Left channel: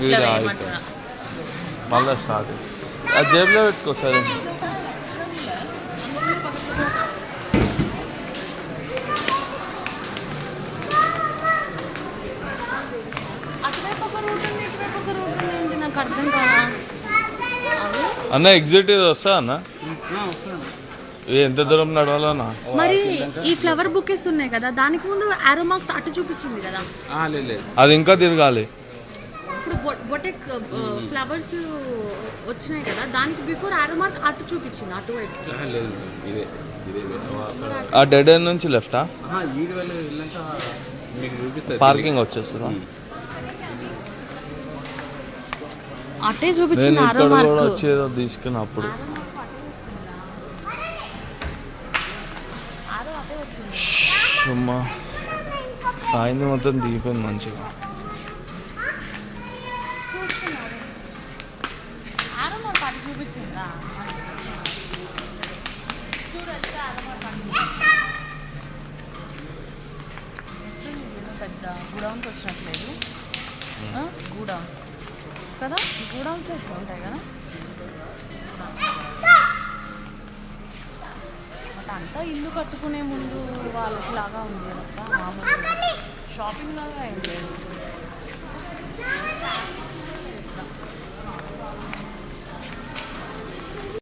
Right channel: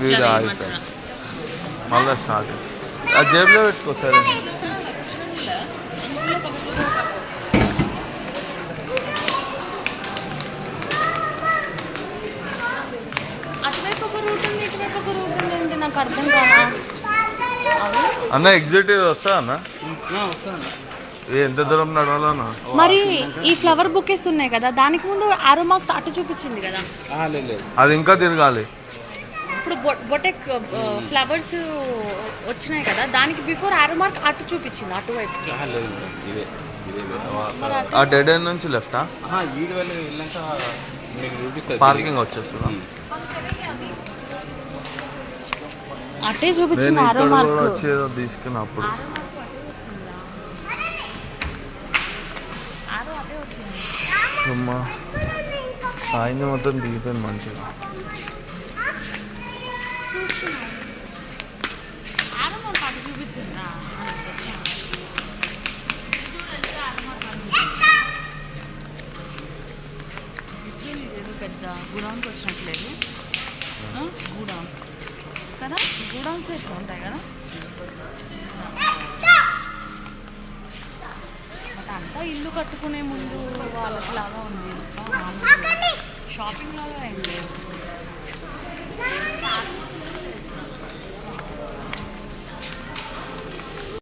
Video అయిపోయింది మళ్ళీ start. ఆ జేబులో పెట్టుకో సరే. అన్న ఎగ్జిక్యూటివ్ వస్తా అన్న ఎంత దూరం నడవాలన్నా? మరి ఈ ఫ్లవర్ బుకేస్ ఉన్నాయి కదా, దానికి ముందు ఆరో మార్క్స్ అటు చూపించింది కదా, అది ఇంకా తిరగాలి. ఇప్పుడు బొటెక్ ఫ్లవర్స్ వచ్చినాయి కదా, దానికి బిఫోర్ ఆరో మార్క్ అటు చూపించింది, అటువైపుకి. ఆ డెడ్ ఎండ్ నుంచి లెఫ్టా? పార్కింగ్ వచ్చేస్తుందా? అటే చూపించింది ఆరో మార్క్. వచ్చేదో తీసుకున్నప్పుడు అమ్మా సాయంత్రం మొత్తం దిగిపోయింది మంచిగా. పెద్ద గూడౌన్స్ వచ్చినట్లేదు, గూడౌన్ కదా, గూడౌన్స్ ఎట్లా ఉంటాయి కదా. అంతా ఇల్లు కట్టుకునే ముందు వాళ్ళకి లాగా ఉంది, షాపింగ్ లాగా ఏం లేదు.